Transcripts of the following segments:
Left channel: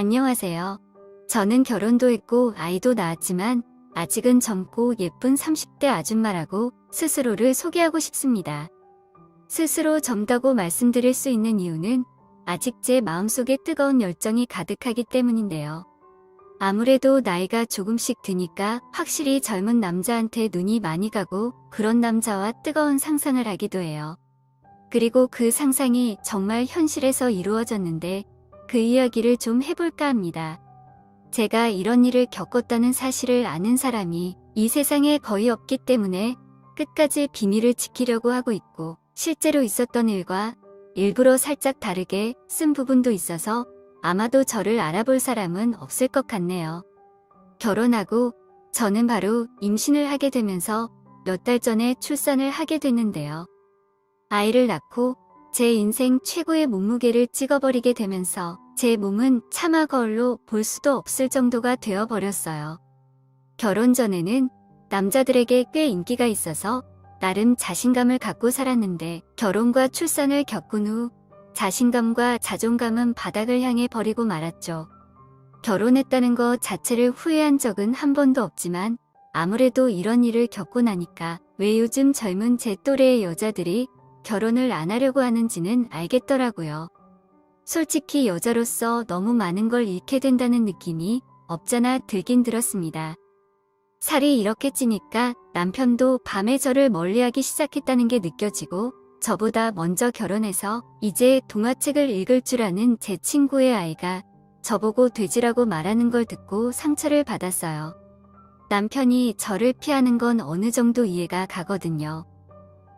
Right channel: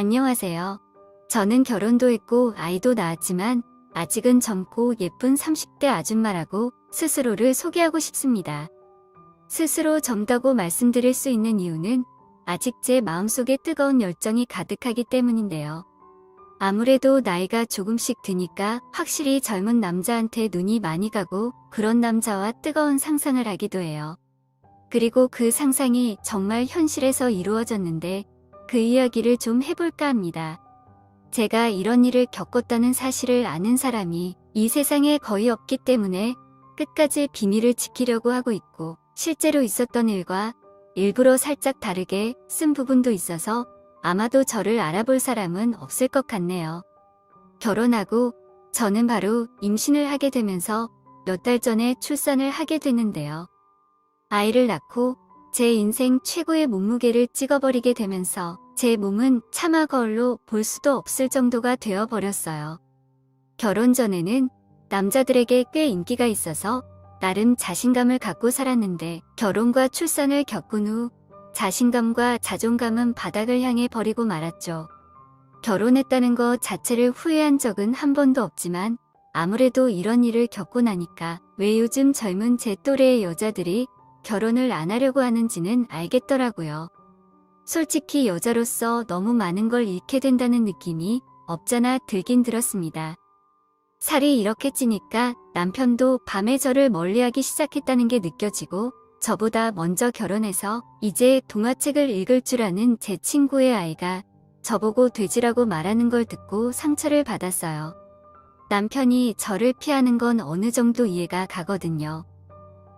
안녕하세요. 저는 결혼도 했고 아이도 낳았지만 아직은 젊고 예쁜 30대 아줌마라고 스스로를 소개하고 싶습니다. 스스로 젊다고 말씀드릴 수 있는 이유는 아직 제 마음속에 뜨거운 열정이 가득하기 때문인데요. 아무래도 나이가 조금씩 드니까 확실히 젊은 남자한테 눈이 많이 가고 그런 남자와 뜨거운 상상을 하기도 해요. 그리고 그 상상이 정말 현실에서 이루어졌는데 그 이야기를 좀 해볼까 합니다. 제가 이런 일을 겪었다는 사실을 아는 사람이 이 세상에 거의 없기 때문에 끝까지 비밀을 지키려고 하고 있고 실제로 있었던 일과 일부러 살짝 다르게 쓴 부분도 있어서 아마도 저를 알아볼 사람은 없을 것 같네요. 결혼하고 저는 바로 임신을 하게 되면서 몇 달 전에 출산을 하게 됐는데요. 아이를 낳고 제 인생 최고의 몸무게를 찍어버리게 되면서 제 몸은 차마 거울로 볼 수도 없을 정도가 되어버렸어요. 결혼 전에는 남자들에게 꽤 인기가 있어서 나름 자신감을 갖고 살았는데 결혼과 출산을 겪은 후 자신감과 자존감은 바닥을 향해 버리고 말았죠. 결혼했다는 것 자체를 후회한 적은 한 번도 없지만 아무래도 이런 일을 겪고 나니까 왜 요즘 젊은 제 또래의 여자들이 결혼을 안 하려고 하는지는 알겠더라고요. 솔직히 여자로서 너무 많은 걸 잃게 된다는 느낌이 없잖아 들긴 들었습니다. 살이 이렇게 찌니까 남편도 밤에 저를 멀리하기 시작했다는 게 느껴지고 저보다 먼저 결혼해서 이제 동화책을 읽을 줄 아는 제 친구의 아이가 저보고 돼지라고 말하는 걸 듣고 상처를 받았어요. 남편이 저를 피하는 건 어느 정도 이해가 가거든요.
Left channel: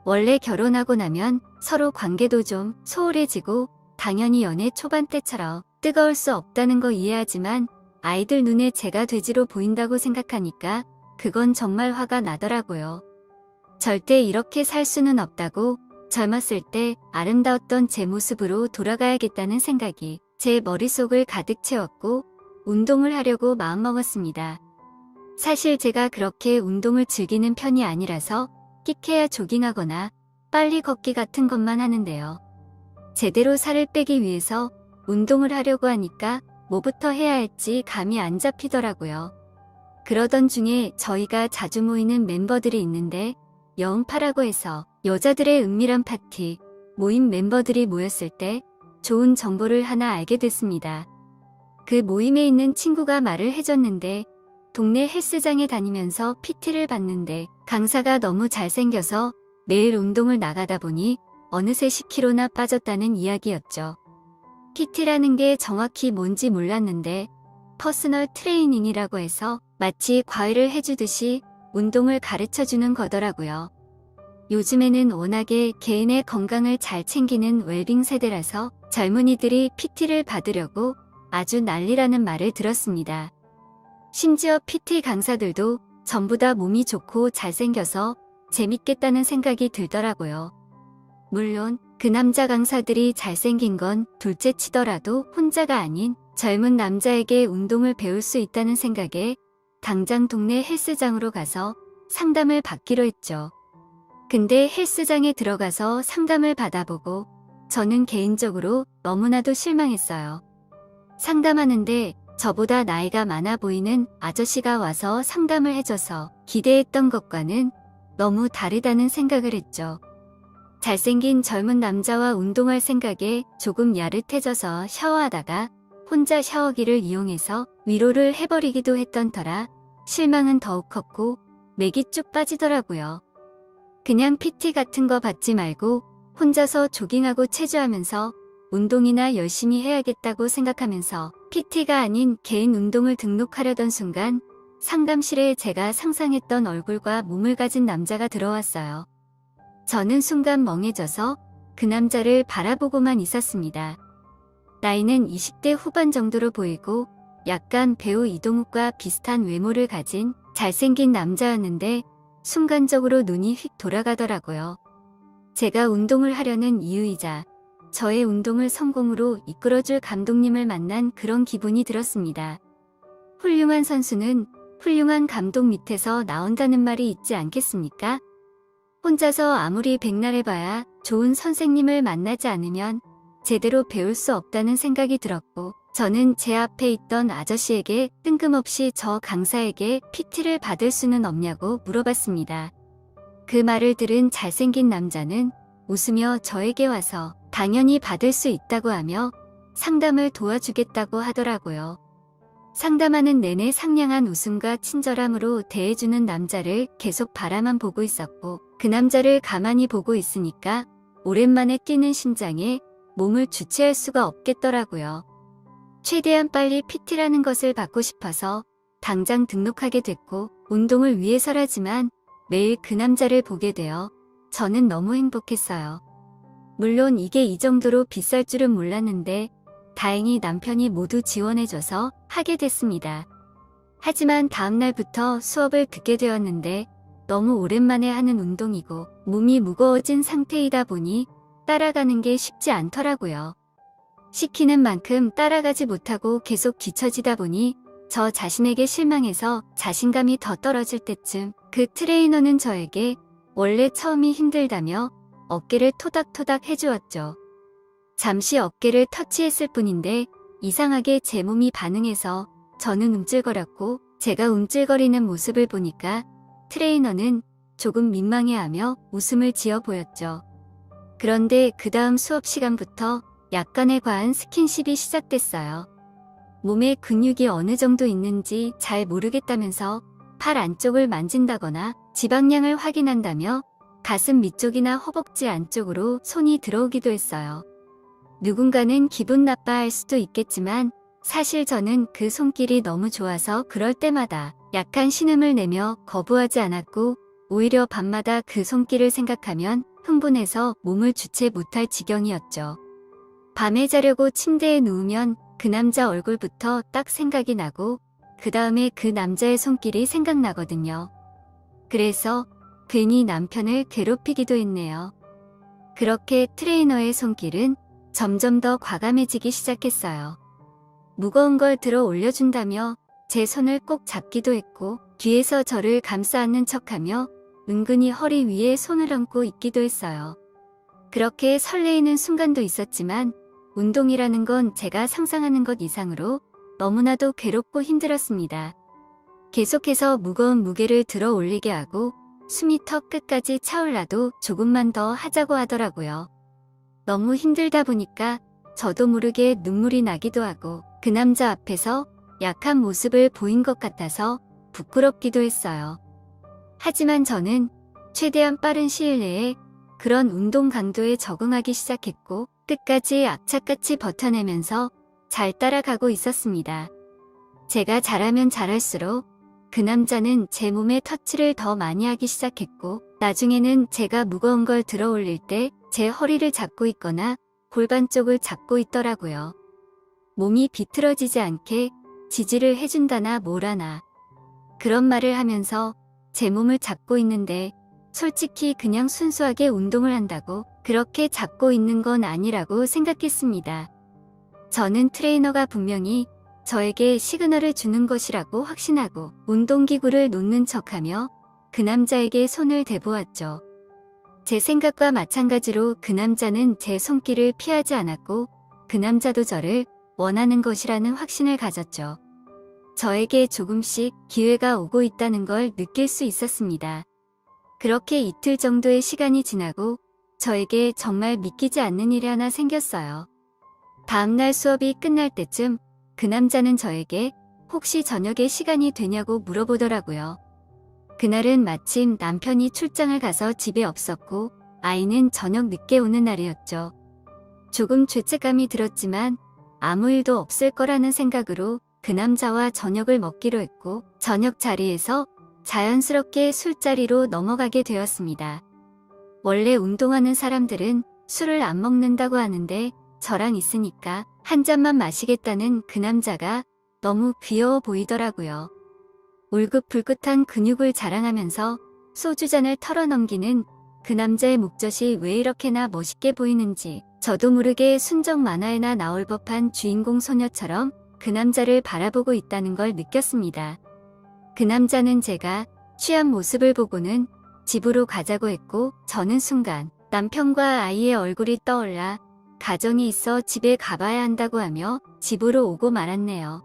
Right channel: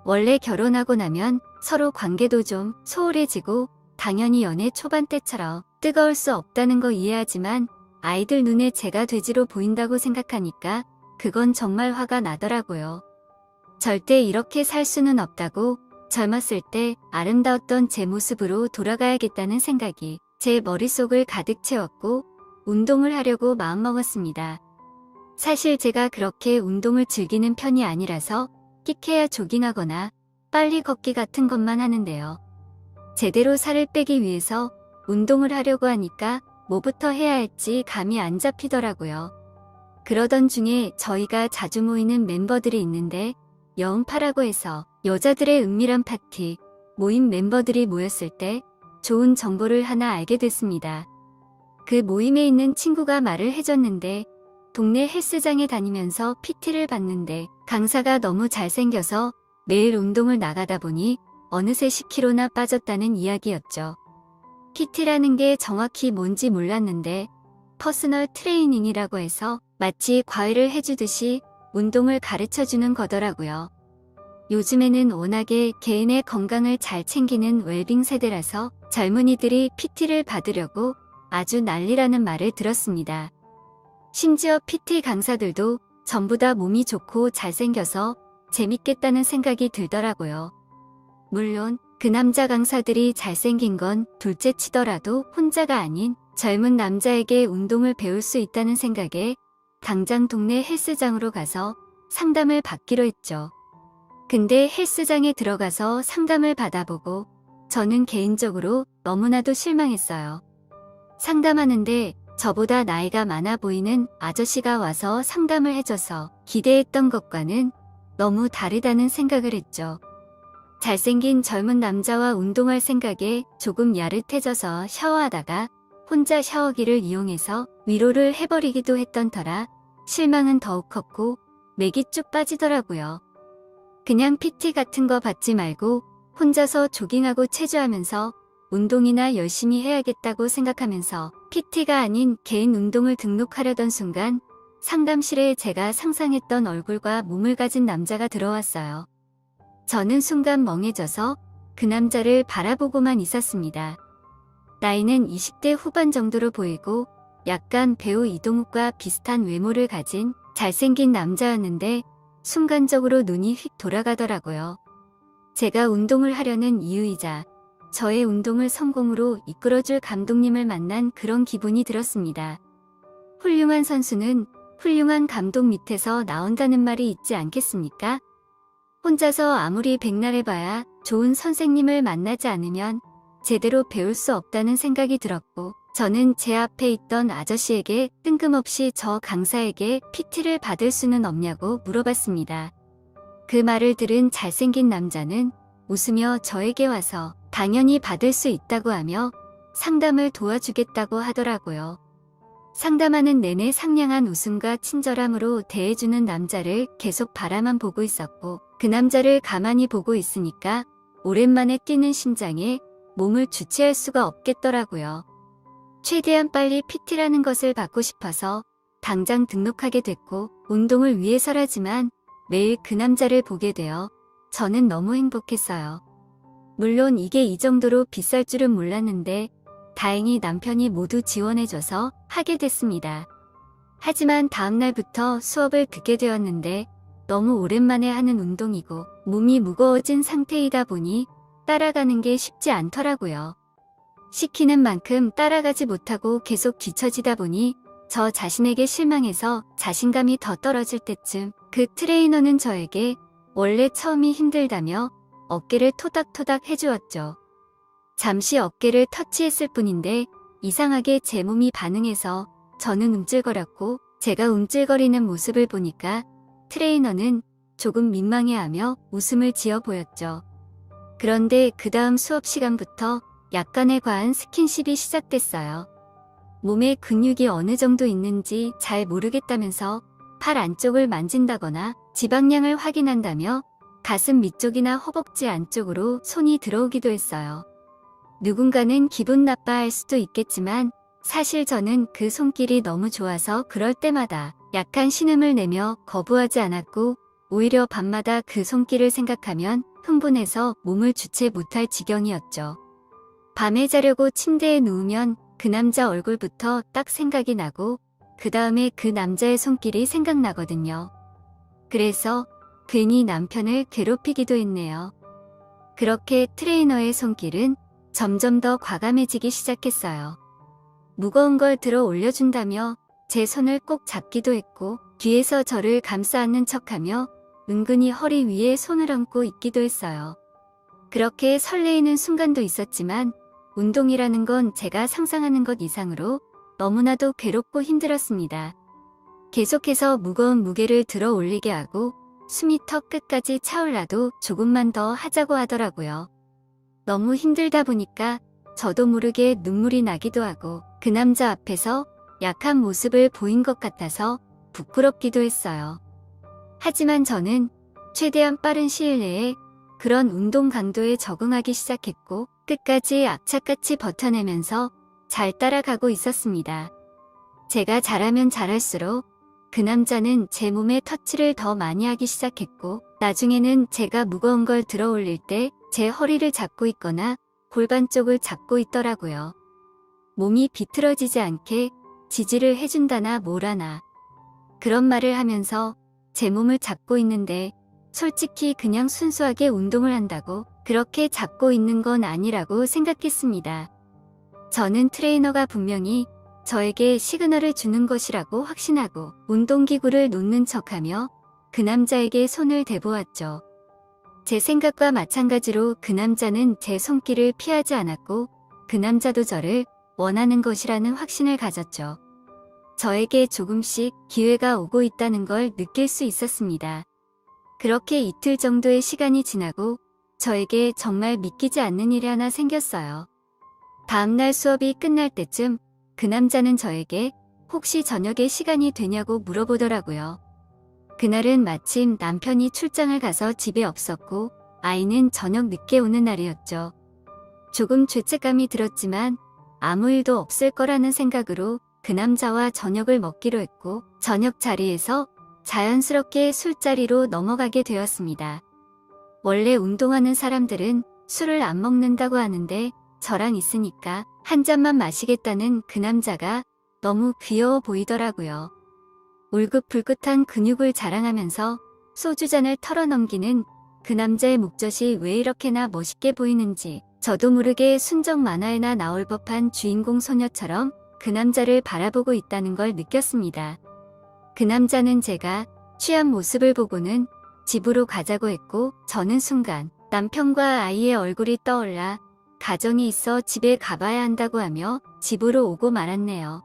원래 결혼하고 나면 서로 관계도 좀 소홀해지고 당연히 연애 초반 때처럼 뜨거울 수 없다는 거 이해하지만 아이들 눈에 제가 돼지로 보인다고 생각하니까 그건 정말 화가 나더라고요. 절대 이렇게 살 수는 없다고 젊었을 때 아름다웠던 제 모습으로 돌아가야겠다는 생각이 제 머릿속을 가득 채웠고 운동을 하려고 마음먹었습니다. 사실 제가 그렇게 운동을 즐기는 편이 아니라서 끼케야 조깅하거나 빨리 걷기 같은 것만 하는데요. 제대로 살을 빼기 위해서 운동을 하려고 하니까 뭐부터 해야 할지 감이 안 잡히더라고요. 그러던 중에 저희가 자주 모이는 멤버들이 있는데 영파라고 해서 여자들의 은밀한 파티, 모임 멤버들이 모였을 때 좋은 정보를 하나 알게 됐습니다. 그 모임에 있는 친구가 말을 해줬는데 동네 헬스장에 다니면서 PT를 받는데 강사가 너무 잘생겨서 매일 운동을 나가다 보니 어느새 10kg나 빠졌다는 이야기였죠. PT라는 게 정확히 뭔지 몰랐는데 퍼스널 트레이닝이라고 해서 마치 과외를 해주듯이 운동을 가르쳐주는 거더라고요. 요즘에는 워낙에 개인의 건강을 잘 챙기는 웰빙 세대라서 젊은이들이 PT를 받으려고 아주 난리라는 말을 들었습니다. 심지어 PT 강사들도 전부 다 몸이 좋고 잘생겨서 재밌겠다는 생각이 들더라고요. 물론 그 남자 강사들이 잘생긴 건 둘째 치더라도 혼자가 아닌 젊은 남자에게 운동을 배울 수 있다는 생각에 당장 동네 헬스장으로 가서 상담을 받기로 했죠. 근데 헬스장에 들어가서 상담을 받아보고 저는 개인적으로 너무나도 실망했어요. 상담하는데 저보다 나이가 많아 보이는 아저씨가 와서 상담을 해줘서 기대했던 것과는 너무 다르다는 생각을 했죠. 잘생긴 젊은 남자와 운동할 생각에 조금 야릇해져서 샤워하다가 혼자 샤워기를 이용해서 위로를 해버리기도 했던 터라 실망은 더욱 컸고 맥이 쭉 빠지더라고요. 그냥 PT 같은 거 받지 말고 혼자서 조깅하고 체조하면서 운동이나 열심히 해야겠다고 생각하면서 PT가 아닌 개인 운동을 등록하려던 순간 상담실에 제가 상상했던 얼굴과 몸을 가진 남자가 들어왔어요. 저는 순간 멍해져서 그 남자를 바라보고만 있었습니다. 나이는 20대 후반 정도로 보이고 약간 배우 이동욱과 비슷한 외모를 가진 잘생긴 남자였는데 순간적으로 눈이 휙 돌아가더라고요. 제가 운동을 하려는 이유이자 저의 운동을 성공으로 이끌어줄 감독님을 만난 그런 기분이 들었습니다. 훌륭한 선수는 훌륭한 감독 밑에서 나온다는 말이 있지 않겠습니까? 혼자서 아무리 백날해봐야 좋은 선생님을 만나지 않으면 제대로 배울 수 없다는 생각이 들었고 저는 제 앞에 있던 아저씨에게 뜬금없이 저 강사에게 PT를 받을 수는 없냐고 물어봤습니다. 그 말을 들은 잘생긴 남자는 웃으며 저에게 와서 당연히 받을 수 있다고 하며 상담을 도와주겠다고 하더라고요. 상담하는 내내 상냥한 웃음과 친절함으로 대해주는 남자를 계속 바라만 보고 있었고 그 남자를 가만히 보고 있으니까 오랜만에 뛰는 심장에 몸을 주체할 수가 없겠더라고요. 최대한 빨리 PT라는 것을 받고 싶어서 당장 등록하게 됐고 운동을 위해서라지만 매일 그 남자를 보게 되어 저는 너무 행복했어요. 물론 이게 이 정도로 비쌀 줄은 몰랐는데 다행히 남편이 모두 지원해줘서 하게 됐습니다. 하지만 다음날부터 수업을 듣게 되었는데 너무 오랜만에 하는 운동이고 몸이 무거워진 상태이다 보니 따라가는 게 쉽지 않더라고요. 시키는 만큼 따라가지 못하고 계속 뒤처지다 보니 저 자신에게 실망해서 자신감이 더 떨어질 때쯤 그 트레이너는 저에게 원래 처음이 힘들다며 어깨를 토닥토닥 해주었죠. 잠시 어깨를 터치했을 뿐인데 이상하게 제 몸이 반응해서 저는 움찔거렸고 제가 움찔거리는 모습을 보니까 트레이너는 조금 민망해하며 웃음을 지어 보였죠. 그런데 그 다음 수업 시간부터 약간의 과한 스킨십이 시작됐어요. 몸에 근육이 어느 정도 있는지 잘 모르겠다면서 팔 안쪽을 만진다거나 지방량을 확인한다며 가슴 밑쪽이나 허벅지 안쪽으로 손이 들어오기도 했어요. 누군가는 기분 나빠할 수도 있겠지만 사실 저는 그 손길이 너무 좋아서 그럴 때마다 약간 신음을 내며 거부하지 않았고 오히려 밤마다 그 손길을 생각하면 흥분해서 몸을 주체 못할 지경이었죠. 밤에 자려고 침대에 누우면 그 남자 얼굴부터 딱 생각이 나고 그 다음에 그 남자의 손길이 생각나거든요. 그래서 괜히 남편을 괴롭히기도 했네요. 그렇게 트레이너의 손길은 점점 더 과감해지기 시작했어요. 무거운 걸 들어 올려준다며 제 손을 꼭 잡기도 했고 뒤에서 저를 감싸 안는 척하며 은근히 허리 위에 손을 얹고 있기도 했어요. 그렇게 설레이는 순간도 있었지만 운동이라는 건 제가 상상하는 것 이상으로 너무나도 괴롭고 힘들었습니다. 계속해서 무거운 무게를 들어 올리게 하고 숨이 턱 끝까지 차올라도 조금만 더 하자고 하더라고요. 너무 힘들다 보니까 저도 모르게 눈물이 나기도 하고 그 남자 앞에서 약한 모습을 보인 것 같아서 부끄럽기도 했어요. 하지만 저는 최대한 빠른 시일 내에 그런 운동 강도에 적응하기 시작했고 끝까지 악착같이 버텨내면서 잘 따라가고 있었습니다. 제가 잘하면 잘할수록 그 남자는 제 몸에 터치를 더 많이 하기 시작했고 나중에는 제가 무거운 걸 들어 올릴 때 제 허리를 잡고 있거나 골반 쪽을 잡고 있더라고요. 몸이 비틀어지지 않게 지지를 해준다나 뭐라나 그런 말을 하면서 제 몸을 잡고 있는데 솔직히 그냥 순수하게 운동을 한다고 그렇게 잡고 있는 건 아니라고 생각했습니다. 저는 트레이너가 분명히 저에게 시그널을 주는 것이라고 확신하고 운동기구를 놓는 척하며 그 남자에게 손을 대보았죠. 제 생각과 마찬가지로 그 남자는 제 손길을 피하지 않았고 그 남자도 저를 원하는 것이라는 확신을 가졌죠. 저에게 조금씩 기회가 오고 있다는 걸 느낄 수 있었습니다. 그렇게 이틀 정도의 시간이 지나고 저에게 정말 믿기지 않는 일이 하나 생겼어요. 다음날 수업이 끝날 때쯤 그 남자는 저에게 혹시 저녁에 시간이 되냐고 물어보더라고요. 그날은 마침 남편이 출장을 가서 집에 없었고 아이는 저녁 늦게 오는 날이었죠. 조금 죄책감이 들었지만 아무 일도 없을 거라는 생각으로 그 남자와 저녁을 먹기로 했고 저녁 자리에서 자연스럽게 술자리로 넘어가게 되었습니다. 원래 운동하는 사람들은 술을 안 먹는다고 하는데 저랑 있으니까 한 잔만 마시겠다는 그 남자가 너무 귀여워 보이더라고요. 울긋불긋한 근육을 자랑하면서 소주잔을 털어넘기는 그 남자의 목젖이 왜 이렇게나 멋있게 보이는지 저도 모르게 순정 만화에나 나올 법한 주인공 소녀처럼 그 남자를 바라보고 있다는 걸 느꼈습니다. 그 남자는 제가 취한 모습을 보고는 집으로 가자고 했고 저는 순간 남편과 아이의 얼굴이 떠올라 가정이 있어 집에 가봐야 한다고 하며 집으로 오고 말았네요.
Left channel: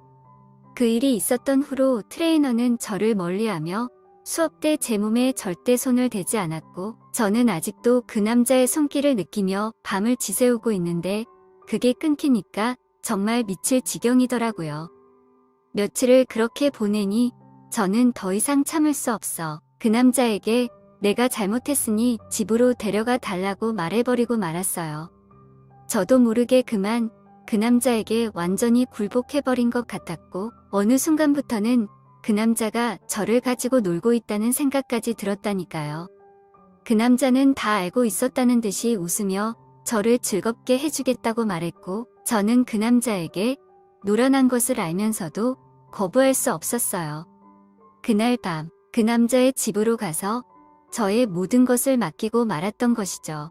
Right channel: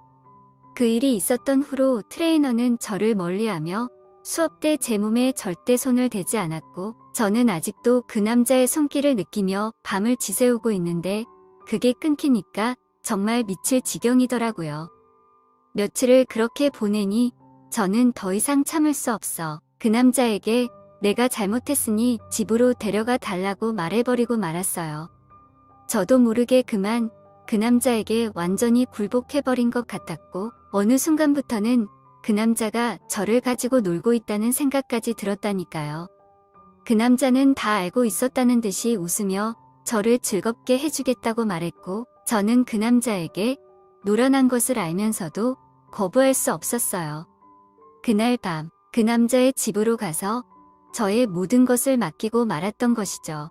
그 일이 있었던 후로 트레이너는 저를 멀리하며 수업 때 제 몸에 절대 손을 대지 않았고 저는 아직도 그 남자의 손길을 느끼며 밤을 지새우고 있는데 그게 끊기니까 정말 미칠 지경이더라고요. 며칠을 그렇게 보내니 저는 더 이상 참을 수 없어 그 남자에게 내가 잘못했으니 집으로 데려가 달라고 말해버리고 말았어요. 저도 모르게 그만 그 남자에게 완전히 굴복해버린 것 같았고 어느 순간부터는 그 남자가 저를 가지고 놀고 있다는 생각까지 들었다니까요. 그 남자는 다 알고 있었다는 듯이 웃으며 저를 즐겁게 해주겠다고 말했고 저는 그 남자에게 노련한 것을 알면서도 거부할 수 없었어요. 그날 밤 그 남자의 집으로 가서 저의 모든 것을 맡기고 말았던 것이죠.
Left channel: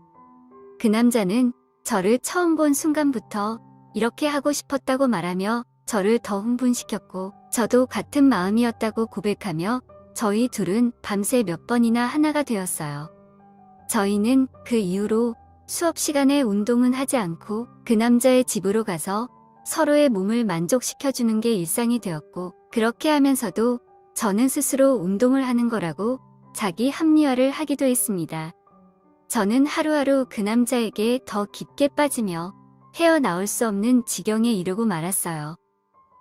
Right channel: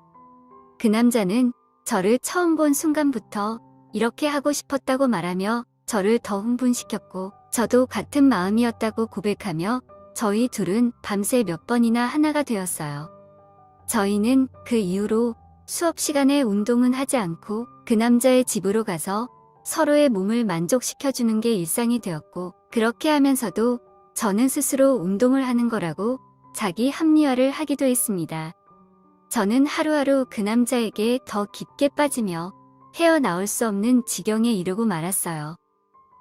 그 남자는 저를 처음 본 순간부터 이렇게 하고 싶었다고 말하며 저를 더 흥분시켰고 저도 같은 마음이었다고 고백하며 저희 둘은 밤새 몇 번이나 하나가 되었어요. 저희는 그 이후로 수업 시간에 운동은 하지 않고 그 남자의 집으로 가서 서로의 몸을 만족시켜주는 게 일상이 되었고 그렇게 하면서도 저는 스스로 운동을 하는 거라고 자기 합리화를 하기도 했습니다. 저는 하루하루 그 남자에게 더 깊게 빠지며 헤어나올 수 없는 지경에 이르고 말았어요.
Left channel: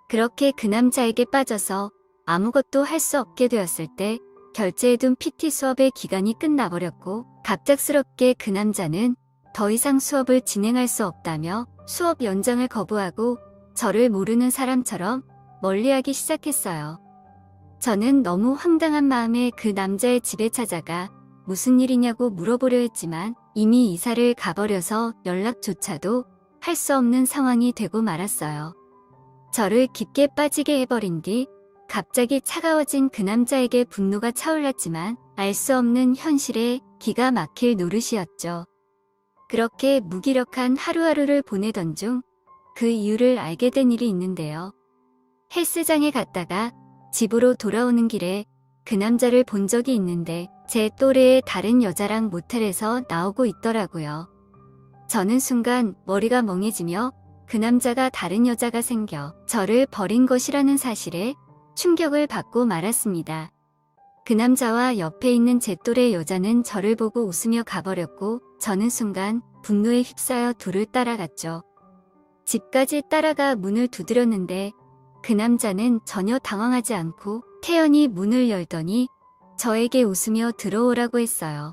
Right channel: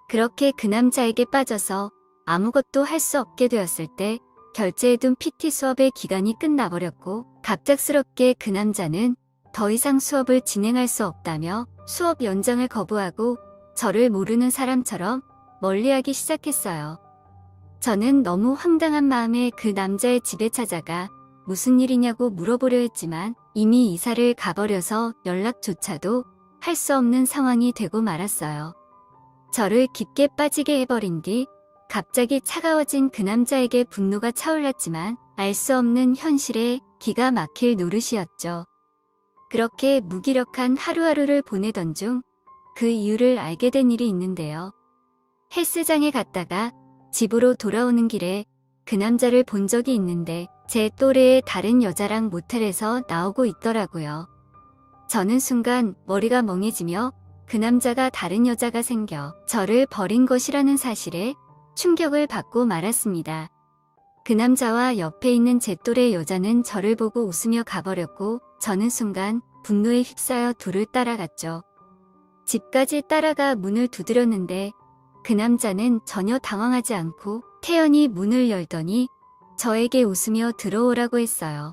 그렇게 그 남자에게 빠져서 아무것도 할 수 없게 되었을 때 결제해둔 PT 수업의 기간이 끝나버렸고 갑작스럽게 그 남자는 더 이상 수업을 진행할 수 없다며 수업 연장을 거부하고 저를 모르는 사람처럼 멀리하기 시작했어요. 저는 너무 황당한 마음에 그 남자의 집에 찾아가 무슨 일이냐고 물어보려 했지만 이미 이사를 가버려서 연락조차도 할 수 없는 상황이 되고 말았어요. 저를 깊게 빠지게 해버린 뒤 갑자기 차가워진 그 남자에게 분노가 차올랐지만 알 수 없는 현실에 기가 막힐 노릇이었죠. 그렇게 무기력한 하루하루를 보내던 중 그 이유를 알게 된 일이 있는데요. 헬스장에 갔다가 집으로 돌아오는 길에 그 남자를 본 적이 있는데 제 또래의 다른 여자랑 모텔에서 나오고 있더라고요. 저는 순간 머리가 멍해지며 그 남자가 다른 여자가 생겨 저를 버린 것이라는 사실에 충격을 받고 말았습니다. 그 남자와 옆에 있는 제 또래 여자는 저를 보고 웃으며 가버렸고 저는 순간 분노에 휩싸여 돌을 따라갔죠. 집까지 따라가 문을 두드렸는데 그 남자는 전혀 당황하지 않고 태연히 문을 열더니 저에게 웃으며 들어오라고 했어요.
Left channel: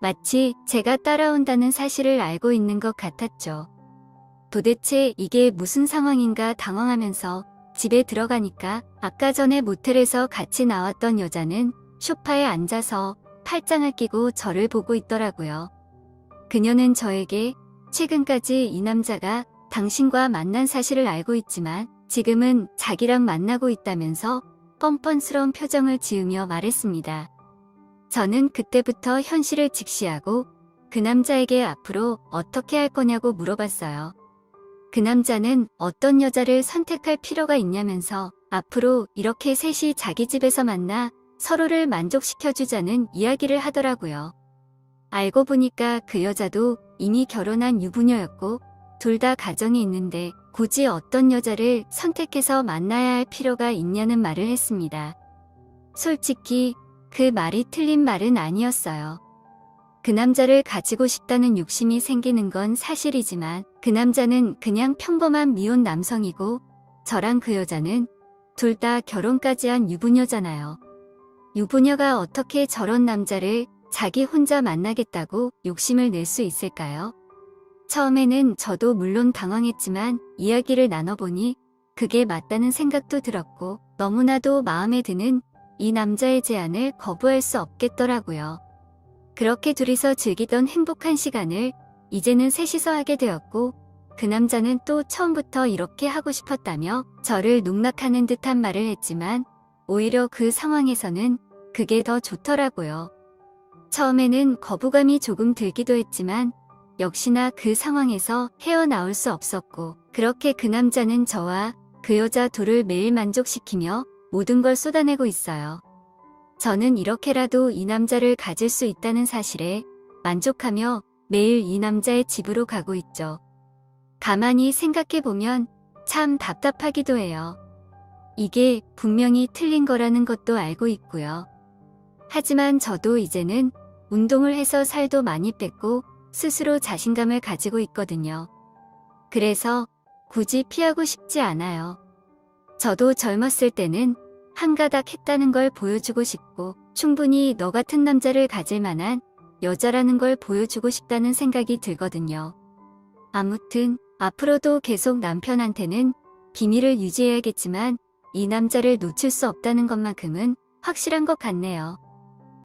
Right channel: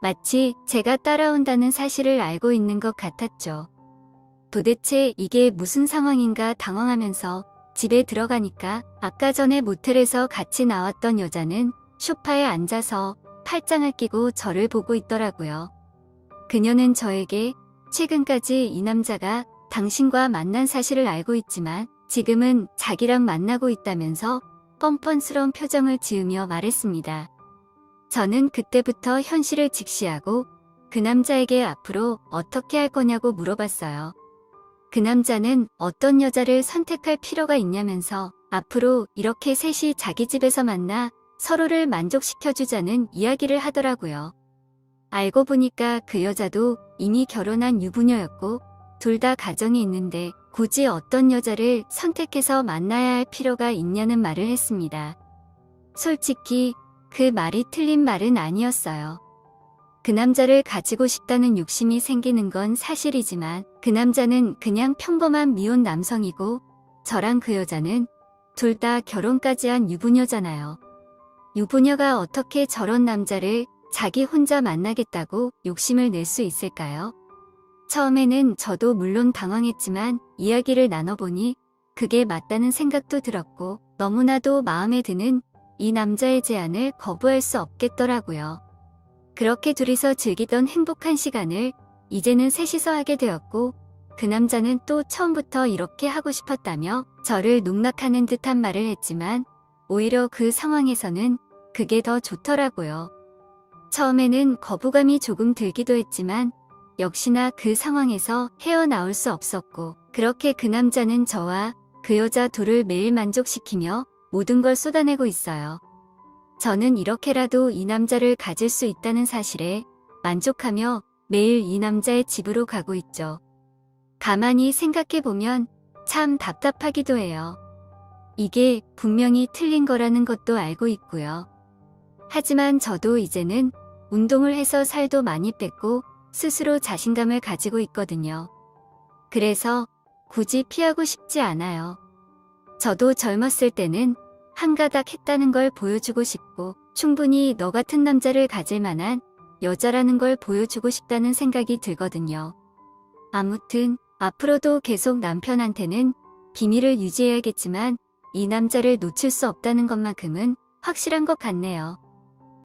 마치 제가 따라온다는 사실을 알고 있는 것 같았죠. 도대체 이게 무슨 상황인가 당황하면서 집에 들어가니까 아까 전에 모텔에서 같이 나왔던 여자는 소파에 앉아서 팔짱을 끼고 저를 보고 있더라고요. 그녀는 저에게 최근까지 이 남자가 당신과 만난 사실을 알고 있지만 지금은 자기랑 만나고 있다면서 뻔뻔스러운 표정을 지으며 말했습니다. 저는 그때부터 현실을 직시하고 그 남자에게 앞으로 어떻게 할 거냐고 물어봤어요. 그 남자는 어떤 여자를 선택할 필요가 있냐면서 앞으로 이렇게 셋이 자기 집에서 만나 서로를 만족시켜주자는 이야기를 하더라고요. 알고 보니까 그 여자도 이미 결혼한 유부녀였고 둘 다 가정이 있는데 굳이 어떤 여자를 선택해서 만나야 할 필요가 있냐는 말을 했습니다. 솔직히 그 말이 틀린 말은 아니었어요. 그 남자를 가지고 싶다는 욕심이 생기는 건 사실이지만 그 남자는 그냥 평범한 미혼 남성이고 저랑 그 여자는 둘 다 결혼까지 한 유부녀잖아요. 유부녀가 어떻게 저런 남자를 자기 혼자 만나겠다고 욕심을 낼 수 있을까요? 처음에는 저도 물론 당황했지만 이야기를 나눠보니 그게 맞다는 생각도 들었고 너무나도 마음에 드는 이 남자의 제안을 거부할 수 없겠더라고요. 그렇게 둘이서 즐기던 행복한 시간을 이제는 셋이서 하게 되었고 그 남자는 또 처음부터 이렇게 하고 싶었다며 저를 농락하는 듯한 말을 했지만 오히려 그 상황에서는 그게 더 좋더라고요. 처음에는 거부감이 조금 들기도 했지만 역시나 그 상황에서 헤어나올 수 없었고 그렇게 그 남자는 저와 그 여자 둘을 매일 만족시키며 모든 걸 쏟아내고 있어요. 저는 이렇게라도 이 남자를 가질 수 있다는 사실에 만족하며 매일 이 남자의 집으로 가고 있죠. 가만히 생각해보면 참 답답하기도 해요. 이게 분명히 틀린 거라는 것도 알고 있고요. 하지만 저도 이제는 운동을 해서 살도 많이 뺐고 스스로 자신감을 가지고 있거든요. 그래서 굳이 피하고 싶지 않아요. 저도 젊었을 때는 한가닥 했다는 걸 보여주고 싶고 충분히 너 같은 남자를 가질 만한 여자라는 걸 보여주고 싶다는 생각이 들거든요. 아무튼 앞으로도 계속 남편한테는 비밀을 유지해야겠지만 이 남자를 놓칠 수 없다는 것만큼은 확실한 것 같네요.